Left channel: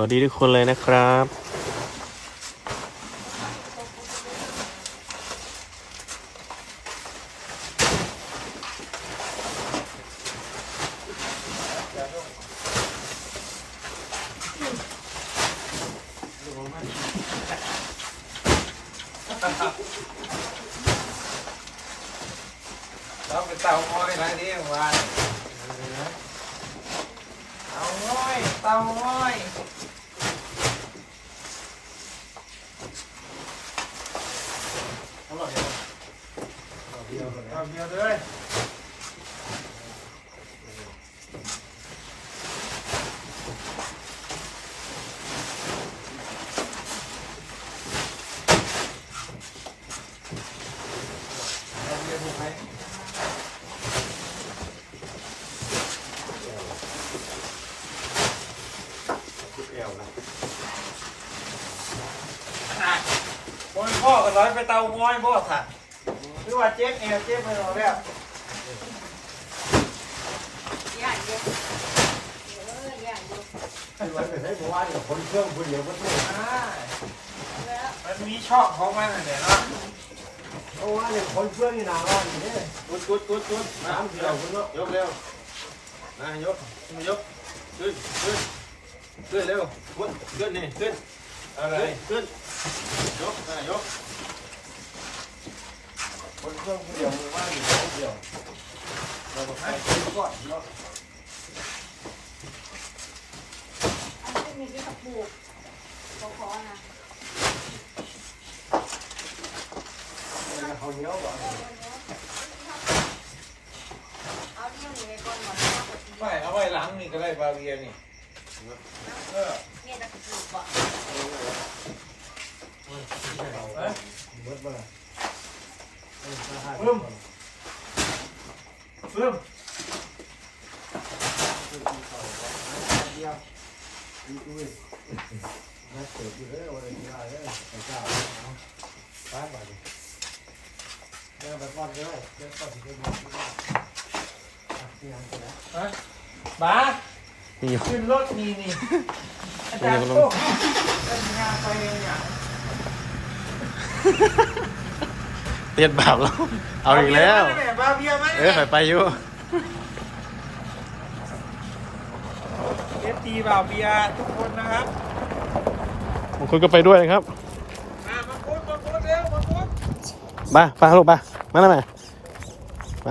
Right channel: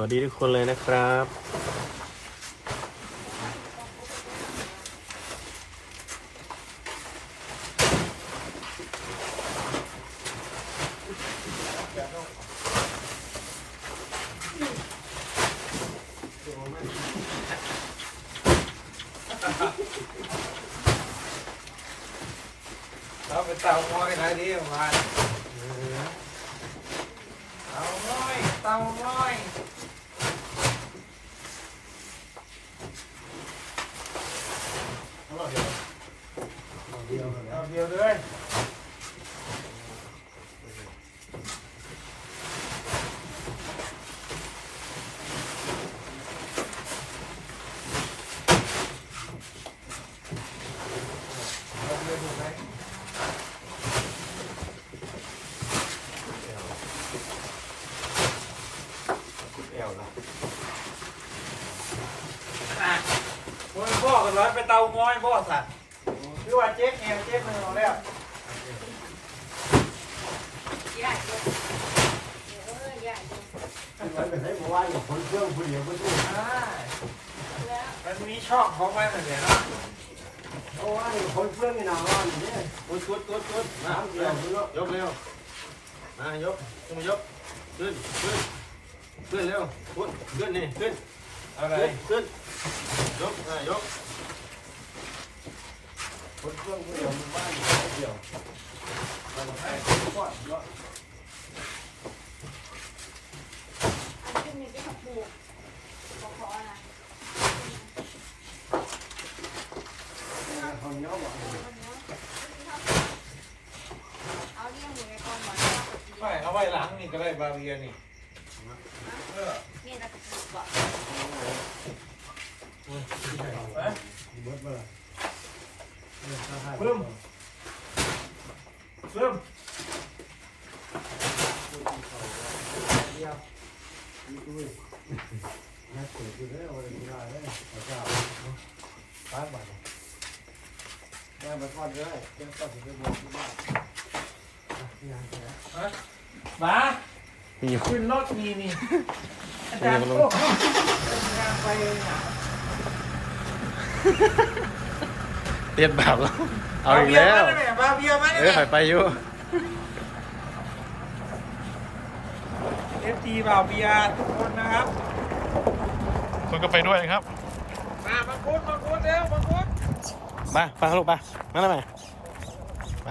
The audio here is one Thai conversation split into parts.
วัสดีทุกคนเลยนะครับ ต้องไปเตาง้อยนะนี่ประมาเตาง้อยเตาง้อยเดียว เดียวเลยเอาเดียวดูไหมมันพ่อกันร้อยไปเตาง้อยบ่สัตว์ หรือว่าเจ๊กเอวเจ๊กมือเอาแล้วไม่เป็นไรเพราะว่าอยู่คนเครื่องคนเดียวก็สู้อ่ามันมีชอบเขาไหมเนี่ยนะเพราะว่าอยู่คนเครื่องนี่นาร้อนเนี่ยกุดกุดกุดกุดน้ำเดียวคนละยกเร็วมายกขึ้นมายกขึ้นขึ้นขึ้นเร็วขึ้นขึ้นนี่ขึ้นอะไรขึ้นยกอ่ายก คนเครื่องคนเดียวมันว่าอยู่คนเดียวเราก็ให้ก่อนเนาะเขาเหนียวว่ะไม่เอาไว้หลังนี่ก็ได้บาเวียนี่เออเบิดมาละเออถ้าให้เพิ่มเพิ่มเดียวดีด้วยน่าเสียอยู่เลยวันนี้ได้เลยพระเจ้าไปไปเลยได้ไปก่อนเลย เดี๋ยวก่อนจะได้ที่ได้ที่นั่นนะบ้านี่อยู่ขึ้นรถนี่นี่อาจารย์โต้เป็นงานไปเนี่ย เรียนแบบเราเอาอีกแล้วบาเบียร์มาเออหายไปอยู่เอฟตีบาเบียร์ทุกคนนะครับคุณก็ไปด้วยนะครับ มามาคุดมาคุดเร็วมาคุดมาไปลูกมา มาแล้วไหมไป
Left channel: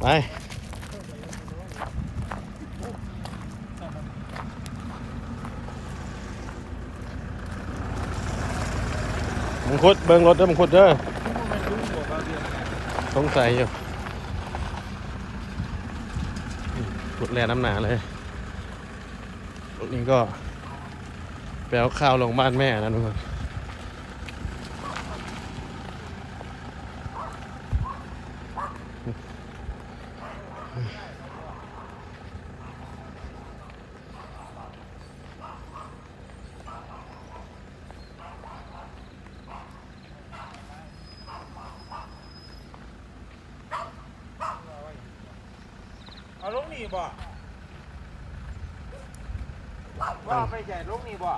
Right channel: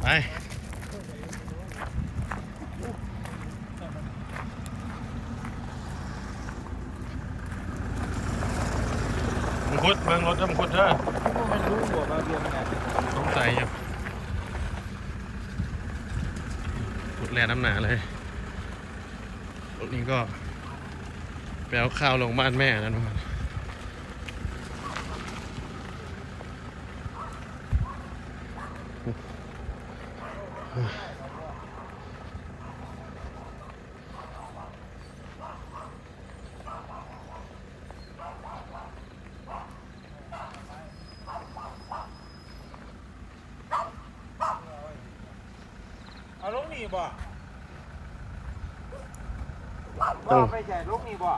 ไป คุดเบิ้งรถเด้อมึงคุดเด้อสงสัยอยู่รถแร่น้ำหนาเลยรถนี้ก็ไปเอาข้าวลงบ้านแม่นะทุกคน ลูกหนีบ่บ่ไปใหญ่ลูกหนีบ่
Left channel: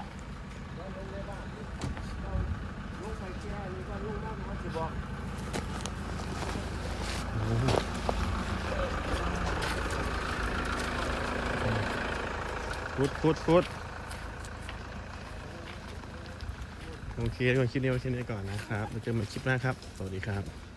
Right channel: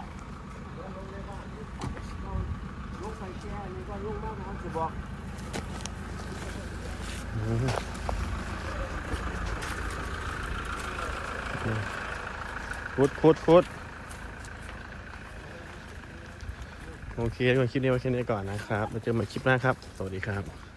ลูกไปแก่นี่ก็ลูกมากนะจะบอกพุดพุดพุดโอเคทุกคนคลิปนี้ไว้แค่นี้ก่อนนะครับเราเจอกันใหม่คลิปหน้าครับ สวัสดีครับ